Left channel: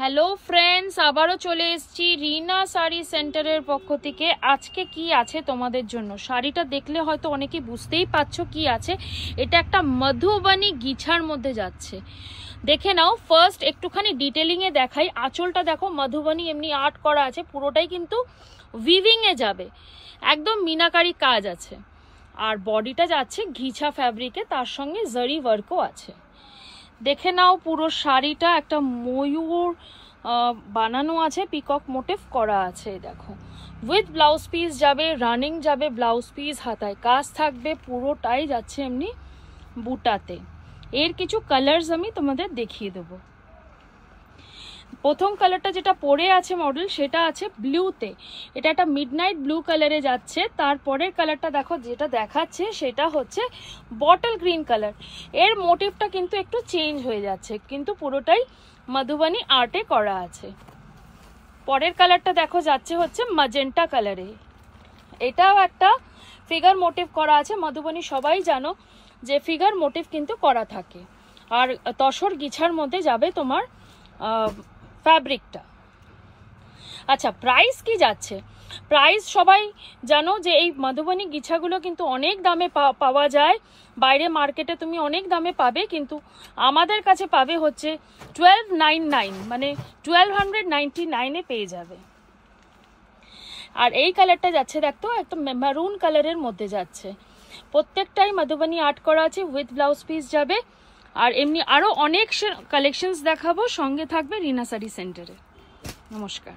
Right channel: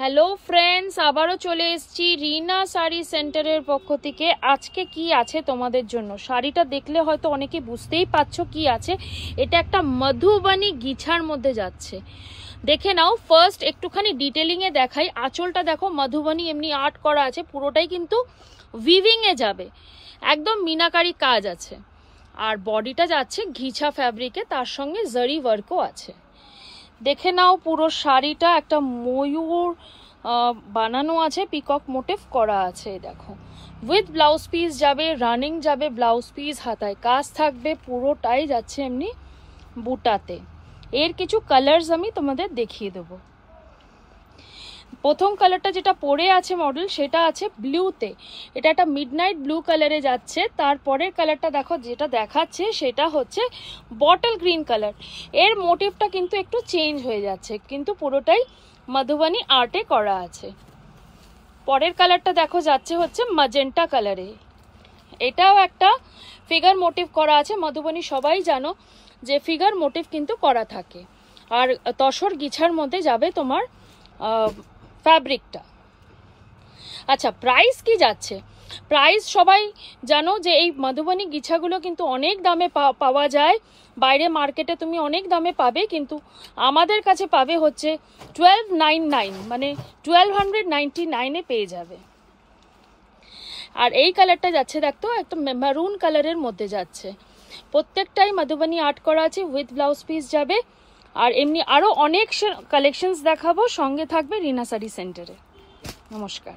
Hello friends, আবারও চলে এসেছি রিনা শাড়ি সেন্টারের পক্ষ থেকে। আজকে কি আছে তোমাদের জন্য, শাড়িটা দেখলে হয়তো অনেকে বুঝতেই পারছো কি আছে। এটা একটা মধুবনী গিছার মধ্যে যাচ্ছে, দেখে নাও। ফার্স্ট একটুখানি ডিটেলিং এ দেখাই। আঁচলটা দেখো, মধুবনী এমনি আর্ট করা আছে, পুরোটাই কিন্তু উইভিং এ যাবে, একদম মিনাকারি কাজ আছে। আর বডিটা যাচ্ছে ঘিছা ফ্যাব্রিকে, তার সঙ্গে জারি ওয়ার্কও আছে। দেখে নাও পুরো শাড়িটা একটা ময়ূর বানানো আছে, পিকক মোটিভ করা আছে। দেখো উইথ ব্লাউজ পিস যাবে, রানিং যাবে ব্লাউজ পিস, হাতায় কাজ থাকবে, পুরোটাই যাচ্ছে এমনি বুটাতে। এর কিছু কালার্স আমি তোমাদের দেখিয়ে দেবো। প্রথম কালারটা যেটা পরে আছে মডেল, সেটা আছে ব্লুতে। এটা একটা মিডনাইট ব্লু কালারে যাচ্ছে। তারপরের কালারটা দেখো, যেটা দেখাচ্ছে সেটা হচ্ছে বটল গ্রিন কালার। এর মোটিভটা কিন্তু একটু চেঞ্জ হয়ে যাচ্ছে, কিন্তু পুরোটাই মধুবনী আর্টে করা আছে। পরের কালারটা দেখো যাচ্ছে হচ্ছে ম্যাজেন্টা কালারে। এটাও একটা ফিগার মোটিভ করা আছে। মধুবনী সবাই জানো যে ফিগার মোটিভ কিন্তু করা থাকে। আর তসর গিছার মধ্যে যাবে তোমার ফ্যাব্রিকটা। আচ্ছা, প্রাইস কি যাচ্ছে? প্রাইস সবাই জানো যে এই মধুবনী গিছাগুলো কিন্তু অনেক দামে পাওয়া যায়। বাইরে মার্কেটে তুমি অনেক দামে পাবে, কিন্তু আমাদের কাছে পাবে হচ্ছে 1299, মানে 1299 পেয়ে যাবে। আর এই কালারটা যাচ্ছে দেখতো, একদম মেরুন কালারের মধ্যে যাচ্ছে। প্রত্যেকটাই মধুবনী আর্ট করা আছে, উইথ ব্লাউজ পিস যাবে। আর এমনি আরো অনেক কালেকশনস দেখাবো, সঙ্গে থাকবে রিনা শাড়ি সেন্টারে। নমস্কার।